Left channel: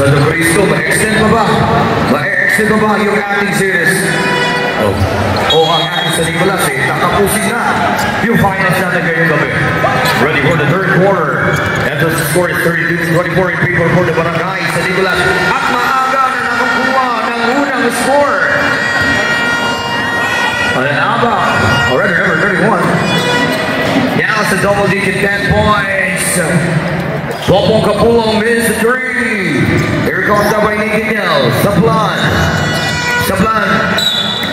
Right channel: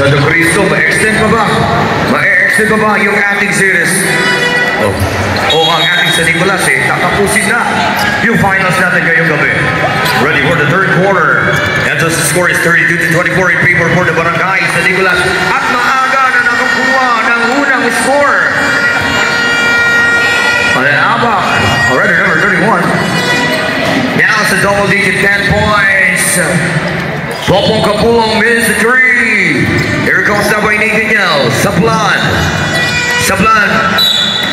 Santo Cristo, ma-extend pa ba? Ma-extend pa ba yung ating series? O ang ating San Nicolas tatapusin na yung finals natin ngayong gabi. Ready for the third quarter. And the score is 32-24 in favor for the Barangay San Nicolas. At maaga na nakakuha ng unang score. Abak, already number 31. Now it's a double digit 10 points. Popong Kapulong missed the three. Here comes the by Nikinel. Sablan.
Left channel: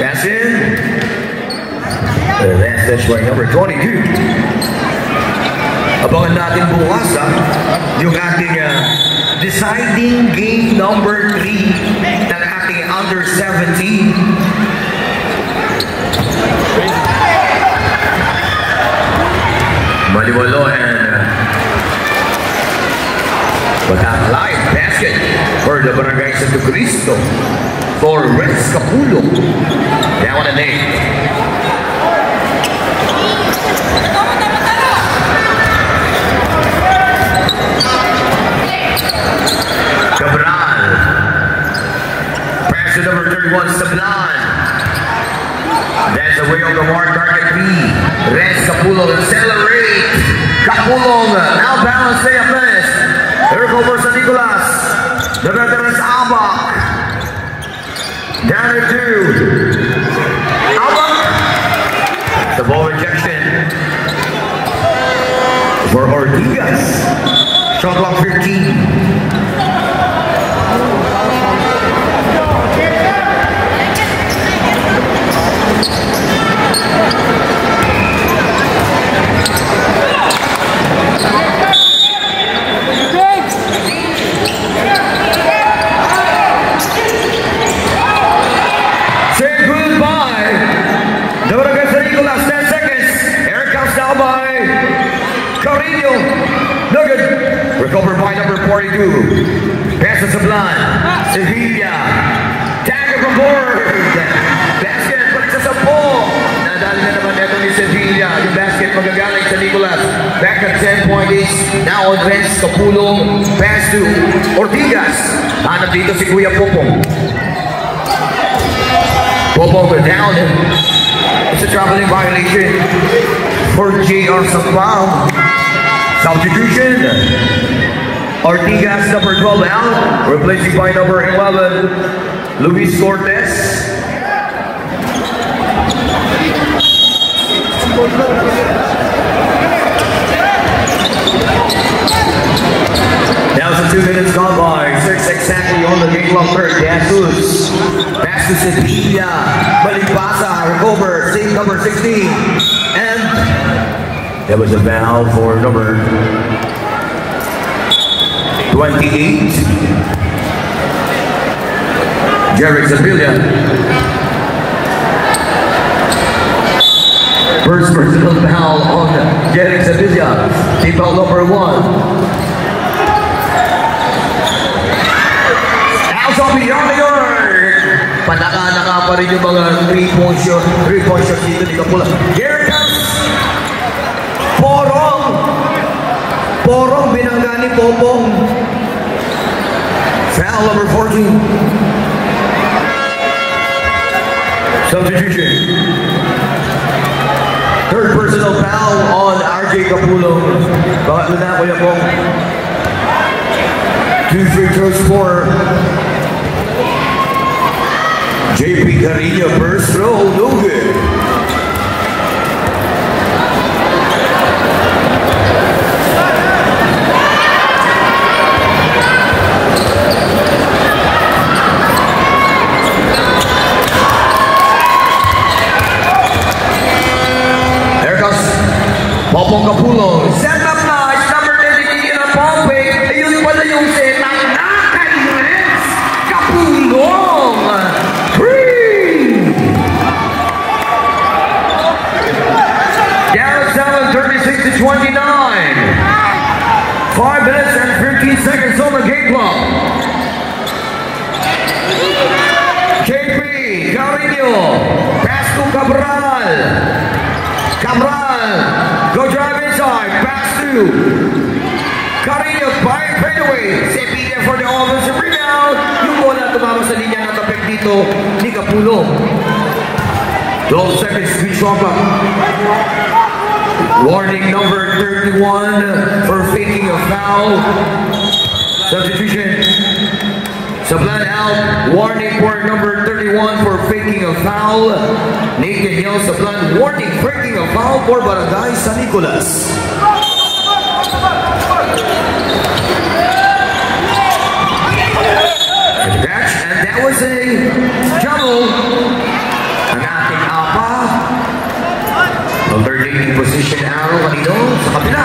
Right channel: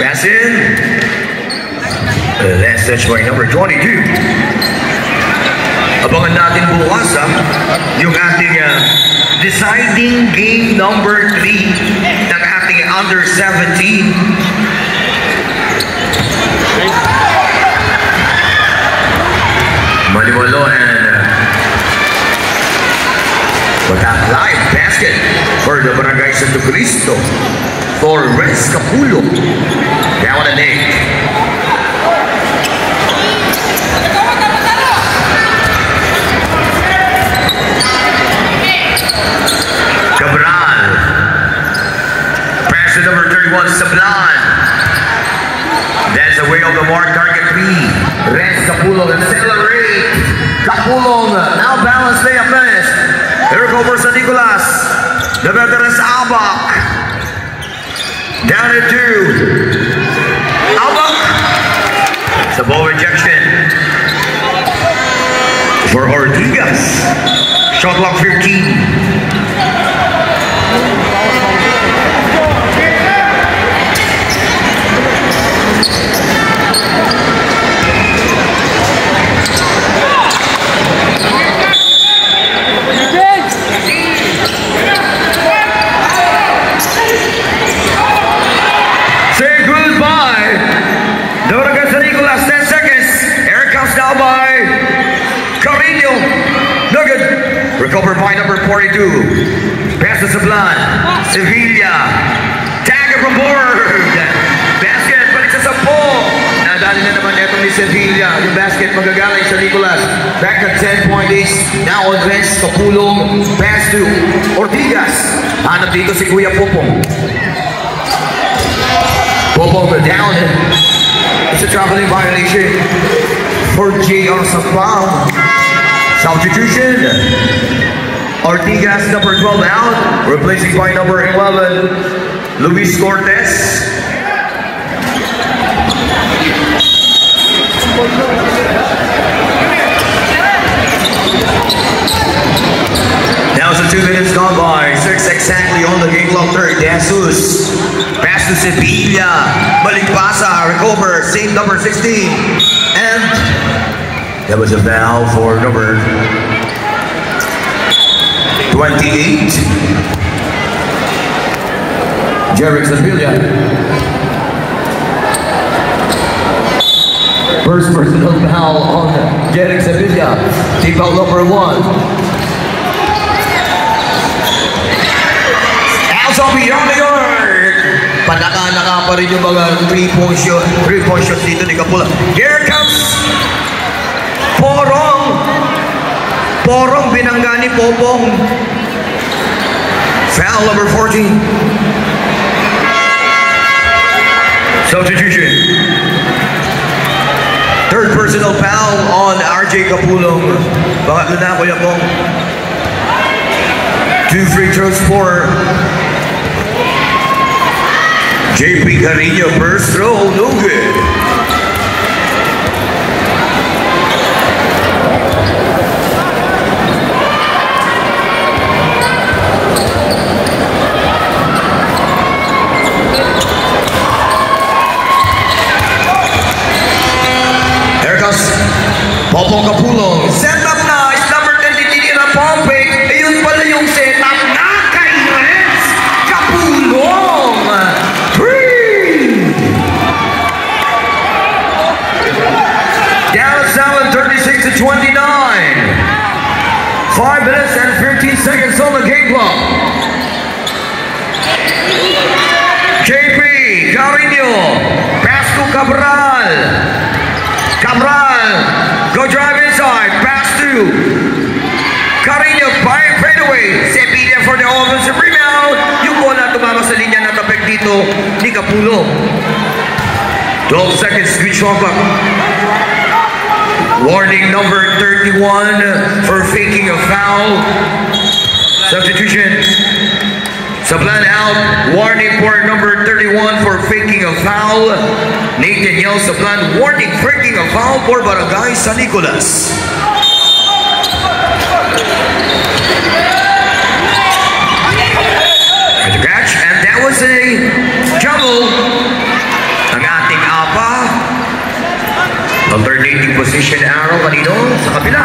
Pass in. That's touch by number 22. Abangan natin bukas yung ating deciding game number 3 ng ating under 17. Maliwalo and live basket for the Barangay Santo Cristo for Renz Capulong. Down and 8. Cabral. Pass to number 31, Sablan. That's the way of the mark, target 3. Renz Capulong accelerate. Capulong now balance day of finish. Here comes San Nicolas. The veterans Abak. Down to 2. Abak. The ball rejection for Ortigas. Shot clock 15. Recovered by number 42. Pass to Sablan. Sevilla. Tag it from board. Basket. Balik sa 10. Nadali na naman netong ni Sevilla. Yung basket magagaling sa Nicolas. Back at 10 point is now on Renz Capulong. Pass to Ortigas. Hanap dito si Kuya Popong. Popong down. It's a traveling violation for JR Sapao. Substitution. Ortigas number 12 out, replacing by number 11, Luis Cortez. Now it's 2 minutes gone by, 6 exactly on the game clock. Third, Jesus. Pass to Sevilla. Malipasa, recover, save number 16. And that was a foul for number 28. Jerry Sevilla. First personal foul on Jerry Sevilla. Team foul number 1. Also beyond the arc. Panaka-naka pa rin yung mga 3-point shots dito ni Capula. Here comes Porong binangga ni Popong. Foul number 14. Substitution. Third personal foul on RJ Capulong. Bakit na Kuya Pong? 2 free throws for JP Carrillo. First throw, no good. Popong Capulong. Set up na. It's number 33 na pumping. Ayun pala yung set up na kay Renz Capulong. 3. Down 7, 36-29. 5 minutes and 15 seconds on the game clock. JP Carrillo. Pass to Cabral. Go drive inside, pass through. Carrillo by fadeaway. Sevilla for the offensive rebound. tumama sa linya na tapik dito ni Kapulong. 12 seconds, screen shot clock. Warning number 31 for faking a foul. Substitution. Sablan out. Warning for number 31 for faking a foul. Nathan Yell Sablan. Warning faking a foul for Barangay San Nicolas. And the catch, and that was a jumble. Ang ating APA. Alternating position arrow kanino sa kabila.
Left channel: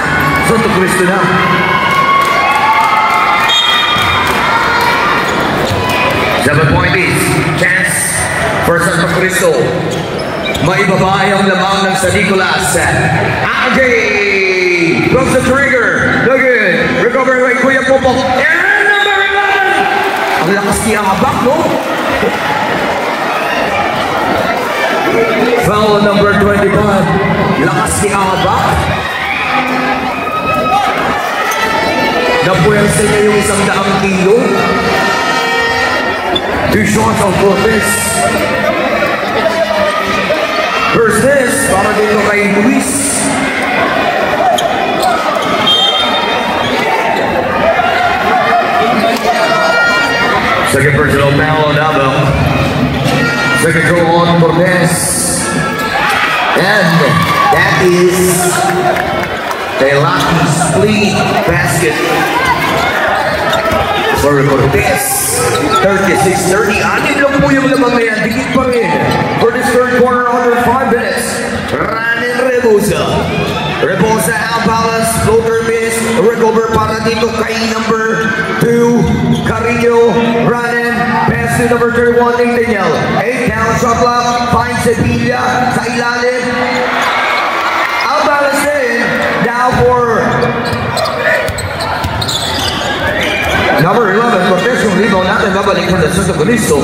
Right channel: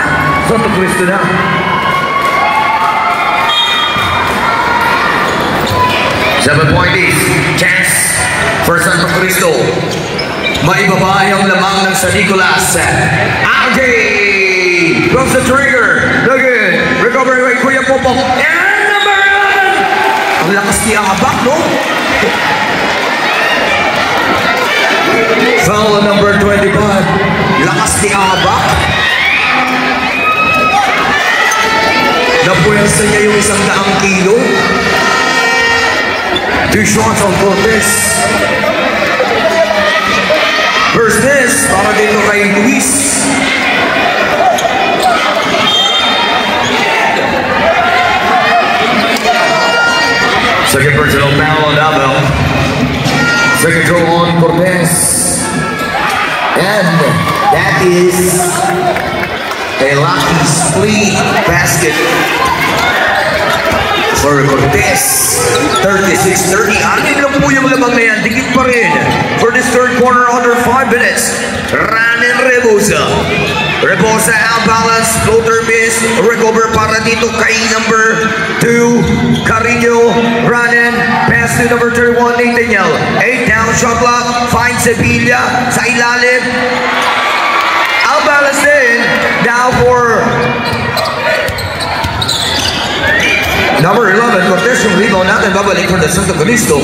Santo Cristo na. Seven-point is chance for Santo Cristo. Maibaba ang lamang ng San Nicolas. AJ from the trigger. Look good. Recovery by Kuya Popok. And number 11. Ang lakas niya habak, no? Foul number 21. Lakas ni Abak. Napuwersa niya yung 100 kilo. 2 shots on Cortez. First miss para dito kay Luis. Second personal foul on Abel. Second goal on Cortez. And that is a lucky split basket for Cortez. 36-30. Anin lang po yung lamang na yan. Dikit pa rin. For this third quarter, under 5 minutes. Ranen Rebosa. Rebosa out balance. Floater miss. Recover para dito kay number 2. Carino. Ranen. Pass to number 31. Nathaniel. 8 down shot clock. Finds Sevilla sa ilalim. Out balance din. Now for number 11, Cortez yung rebound natin, babalik from the Santo Cristo.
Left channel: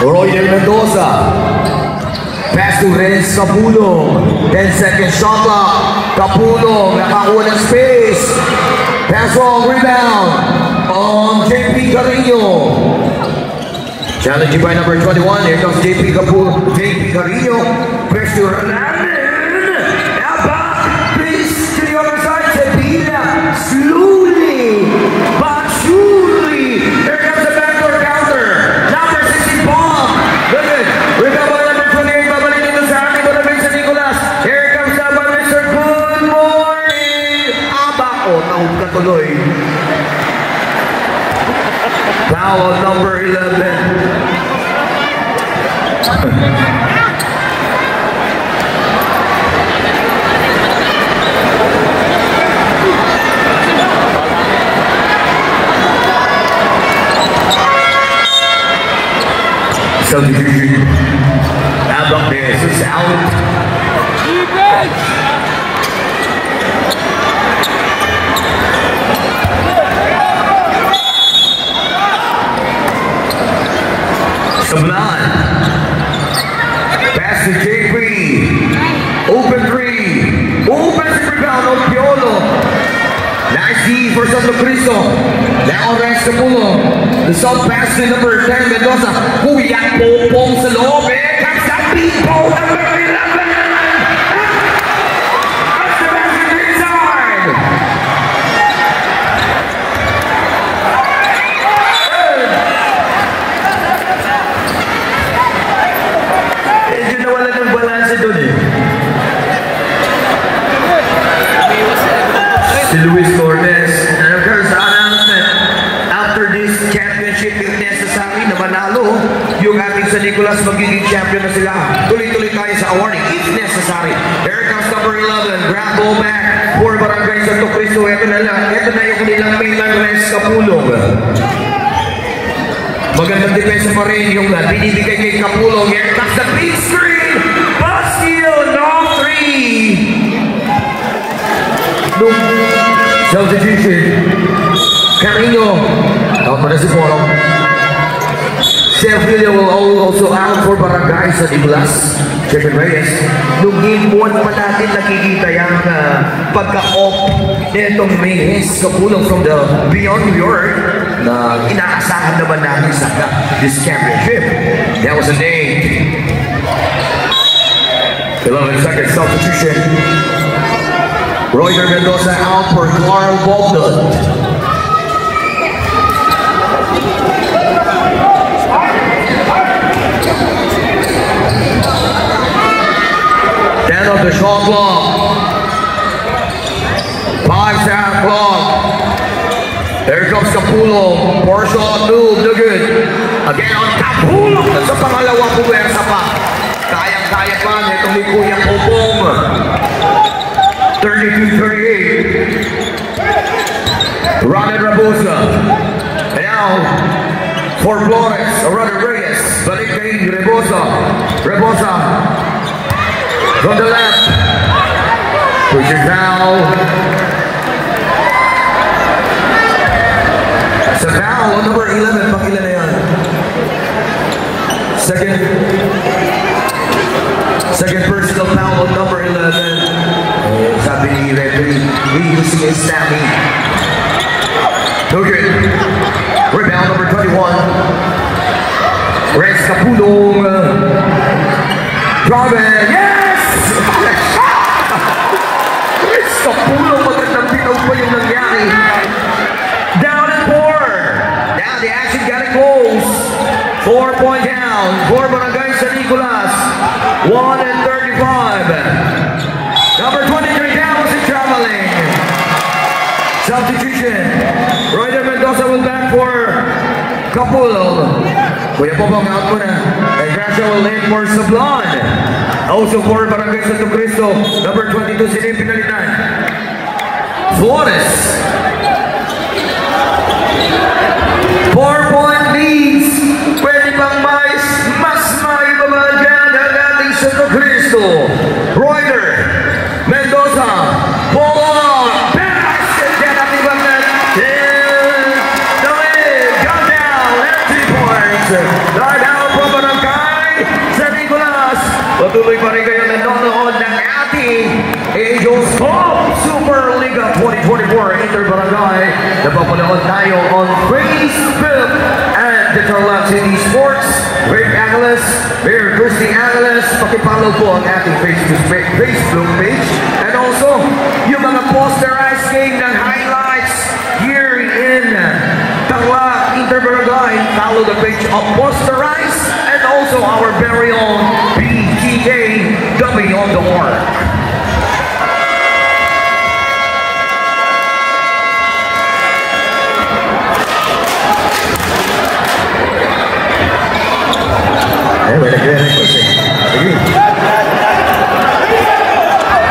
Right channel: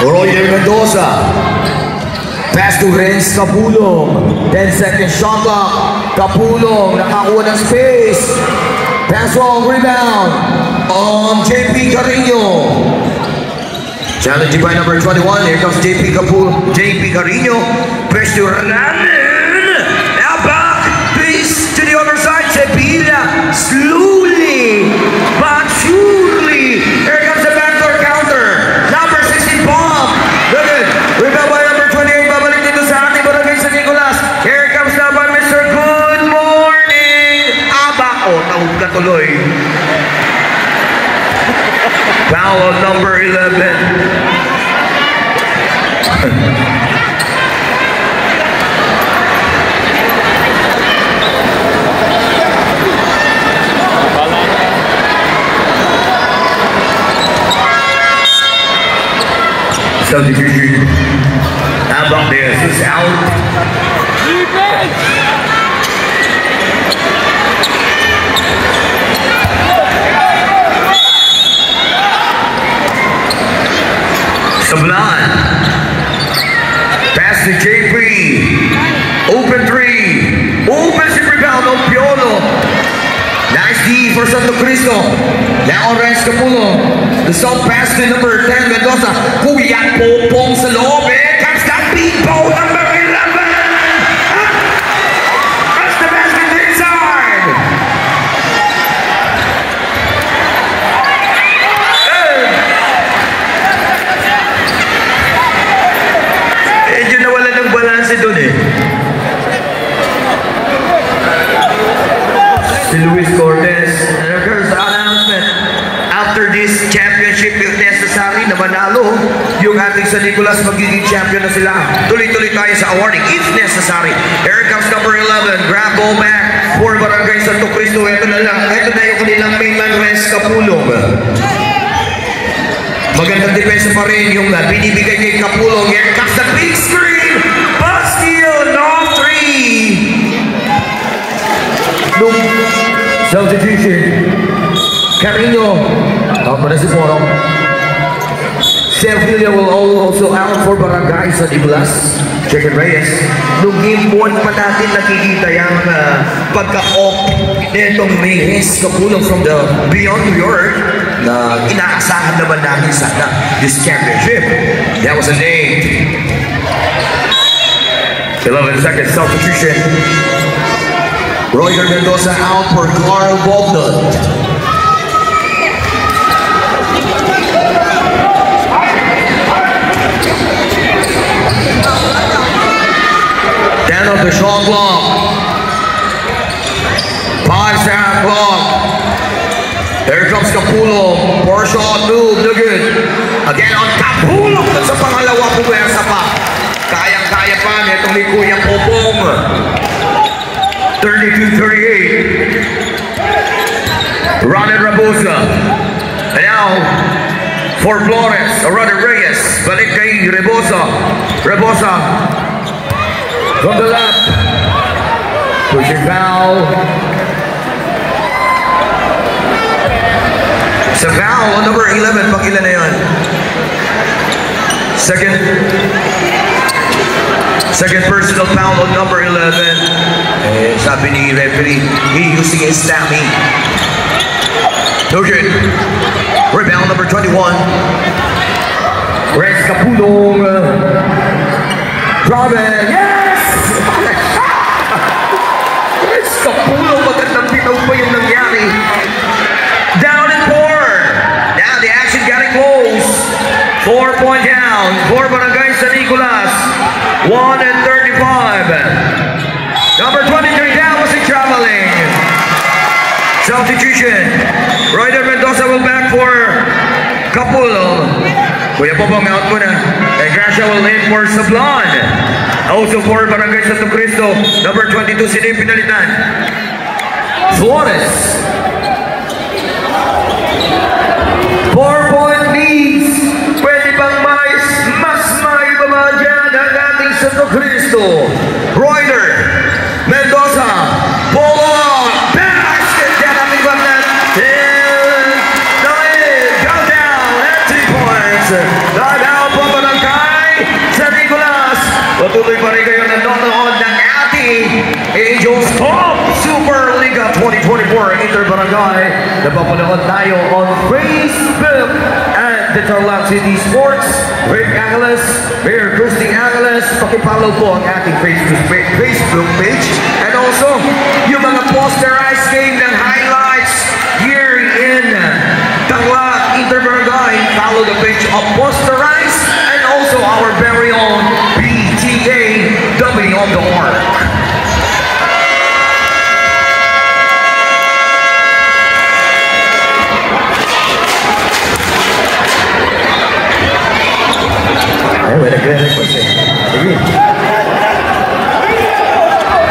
Royal Mendoza. Pass to Renz Capulong. 10 second shot clock. Capulong, nakakuha ng space. Pass long, rebound. On JP Carino. Challenging by number 21. Here comes JP Carino. Press to Ranen. Now back. Pace to the other side. Sevilla. Slowly but surely. Here comes the backdoor counter. Number 16 bomb. Look at it. Rebound by number 28. Babalik dito sa ating Barangay San Nicolas. Here comes now by Mr. Good Morning. Aba. Oh, tahog ka tuloy. Foul on number 11. Substitution. Abang there, so it's out. Sablan. Pass to JP. Open 3. Open si rebound on Piolo. Nice D for Santo Cristo. Now on Renz Capulong. The soft pass to number 10 Mendoza. Kuya Popong sa loob. Here comes that beat ball number 11. That's the basket inside. Medyo nawala ng balanse doon eh. Si Luis Cortez. And of course, the announcement after this championship, if necessary na manalo yung ating San Nicolas, magiging champion na sila. Tuloy-tuloy tayo sa awarding if necessary. Here comes number 11. Grab ball back for Barangay Santo Cristo. Ito na lang. Ito na yung kanilang mainland Renz Capulong. Magandang depensa pa rin yung binibigay kay Capulong. Here comes the big screen. But still, no 3. Substitution. Carino. Out mo na si Porong. Sevilla will also out for Barangay San Nicolas. Chicken Reyes. Nung game 1 pa natin nakikita yung pagka-off na itong Reyes Capulong from the Beyond New York. na inaasahan naman namin sana this championship. That was a day. 11 seconds substitution. Roger Mendoza out for Carl Bogdan. Down of the shot clock. 5-second clock. There comes Capulong. 4-shot move. No good. Again on Capulong. Sa pangalawa puwersa pa. Kayang-kaya pa. Itong may Kuyang Popong. 32-38. Ronald Rabosa. And now for Flores. Ronald Reyes. Balik kay Rebosa. Rebosa. From the left. Pushing foul. Sa foul on number 11. Pakilan na yan. Second personal foul on number 11. Eh, sabi ni referee, he using his stamina. No good. Rebound number 21. Renz Capulong. Robin. Yes! Renz Capulong. Magandang bitaw pa yung nangyari. Down and 4. Now the action got it close. 4-point down. 4 Barangay San Nicolas. 1-35. Number 23 down was traveling. Substitution. Roger Mendoza will back for Capulong. Kuya Popong out muna. And Gracia will in for Sablan. Also for Barangay Santo Cristo. Number 22 sila yung pinalitan. Suarez. 4-point leads. Pwede bang mas maibaba dyan ang ating Santo Cristo. Roger Mendoza. Pull on. Basket dyan ang ibang net. Count down. 3 points. Down po Barangay San Nicolas. Patuloy pa rin kayo nanonood ng ating Angels Cup Super Liga 2024 Inter-Barangay. Napapanood tayo on Facebook and Digital Lab City Sports. Rick Angeles, Mayor Christy Angeles. Pakipollow po ang ating Facebook page. And also, yung mga posterized game ng highlights here in Tangla Inter-Barangay. Follow the page of Posterize and also our very own PGAW.org.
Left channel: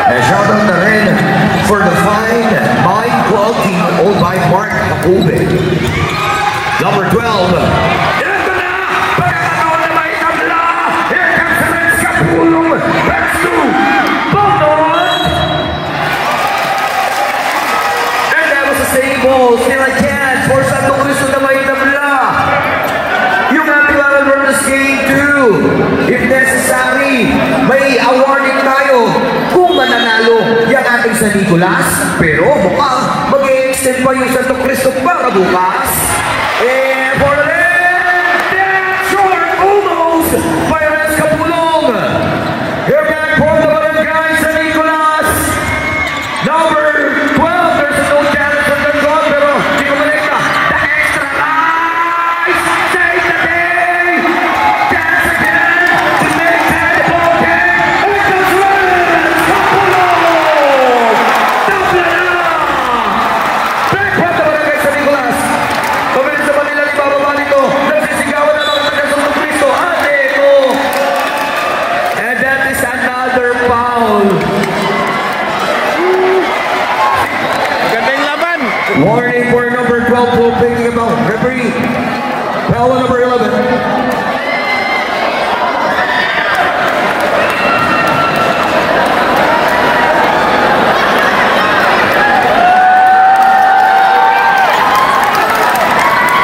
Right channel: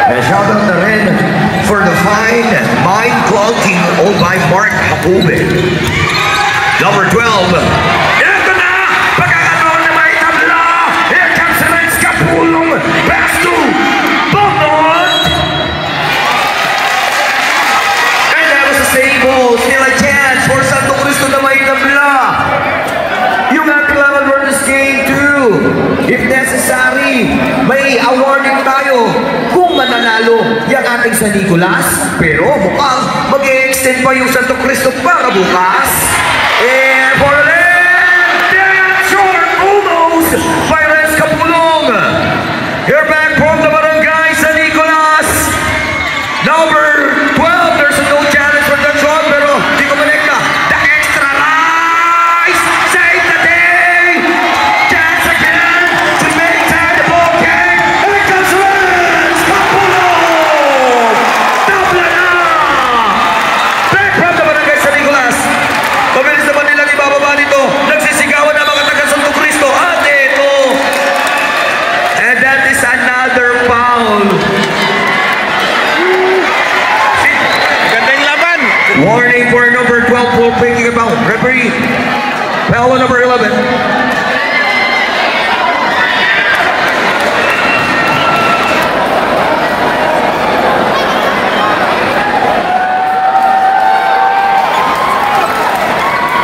And shout out na rin for the fine Mind Club team owned by Mark Jacobe. Number 12. Ito na! Pagkakataon na may tabla! Here comes the Renz Capulong. Pass to Bogdan. And that was the same ball. Still a chance for Santo Cristo na may tabla. Yung ating laban for this game too. If necessary, may awarding tayo kung mananalo yung ating San Nicolas. Pero mukhang mag-e-extend pa yung Santo Cristo para bukas. And for the that short almost by Renz Capulong. Here back from the Barangay San Nicolas. Number 12, there's a no challenge for that shot, pero di ko malikta. The extra rise, save the day. Chance again to make that the ball game. And it goes Renz Capulong. Tabla na. Back from the Barangay San Nicolas. Mabilis naman nila ibababa dito. Nagsisigawan na mga taga Santo Cristo. At ito. And that is another foul. Ganda yung laban. Warning for number 12 for thinking about referee. Foul on number 11.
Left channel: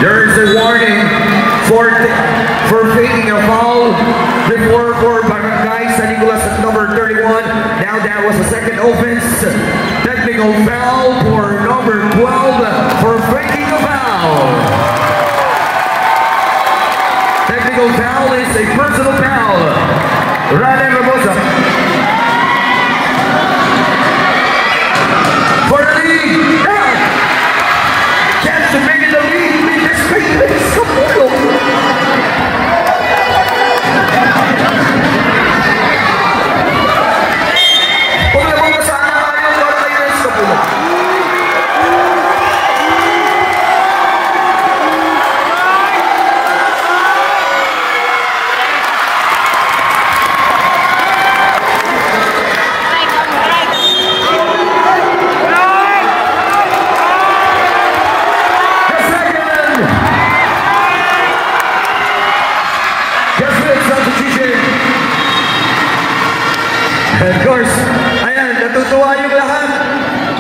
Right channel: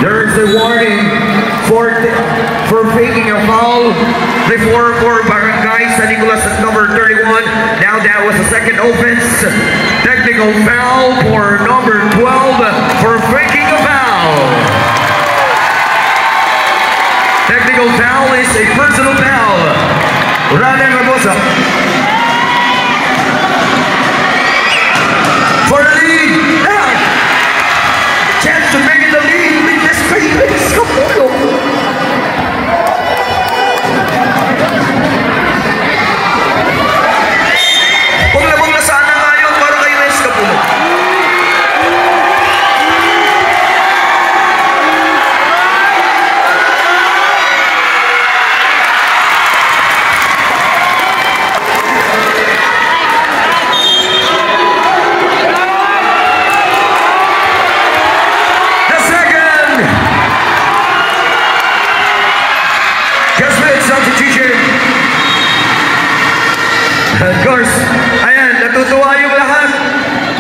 There is a warning for faking a foul before for Barangay San Nicolas at number 31. Now that was a second offense. Technical foul for number 12 for faking a foul. technical foul is a personal foul. Ryan Ramosa. For the lead. Now. Chance to make it the lead. Lead this great place. Paglabang na sana ngayon para kayo na Escapulo. Of course, ayan, natutuwa yung lahat.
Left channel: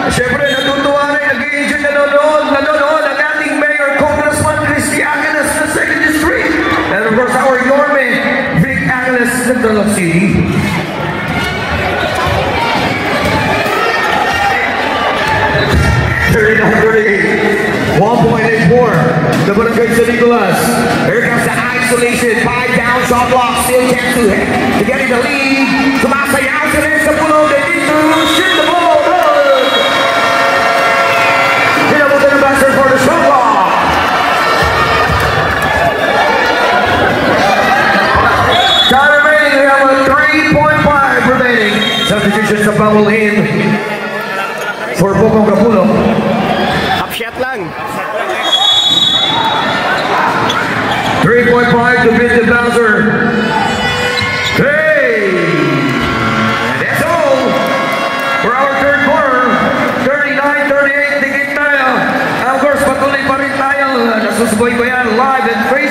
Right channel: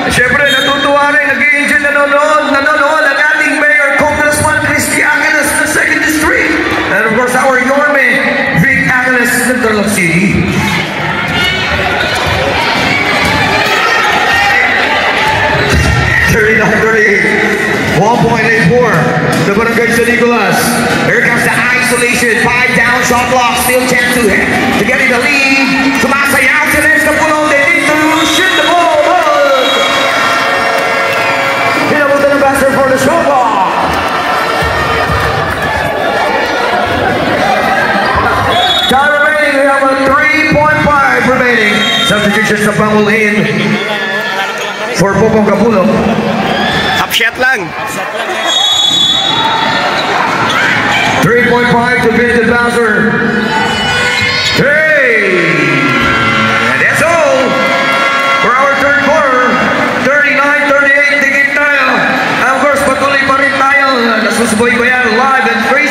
Siyempre, natutuwa rin, nag-i-enjoy, nanonood ang ating Mayor Congressman Christy Angeles ng 2nd District. And of course, our Yorme, Vic Angeles, Central City. $1.84, the Barangay San Nicolas. Here comes the isolation, 5 down, shot block, still chance to get in the lead. Sumasayaw sila sa puno, they need to shoot the ball. Pinabutan ng basket for the shot block. Time remaining, we have a 3.5 remaining. Substitutions na foul in for Popong Capulo. Half shot lang. 3.5 to beat the Bowser. Hey! And that's all for our third quarter. 39-38, tigit tayo. And of course, patuloy pa rin tayo. Nasusuboy ko yan live and crazy.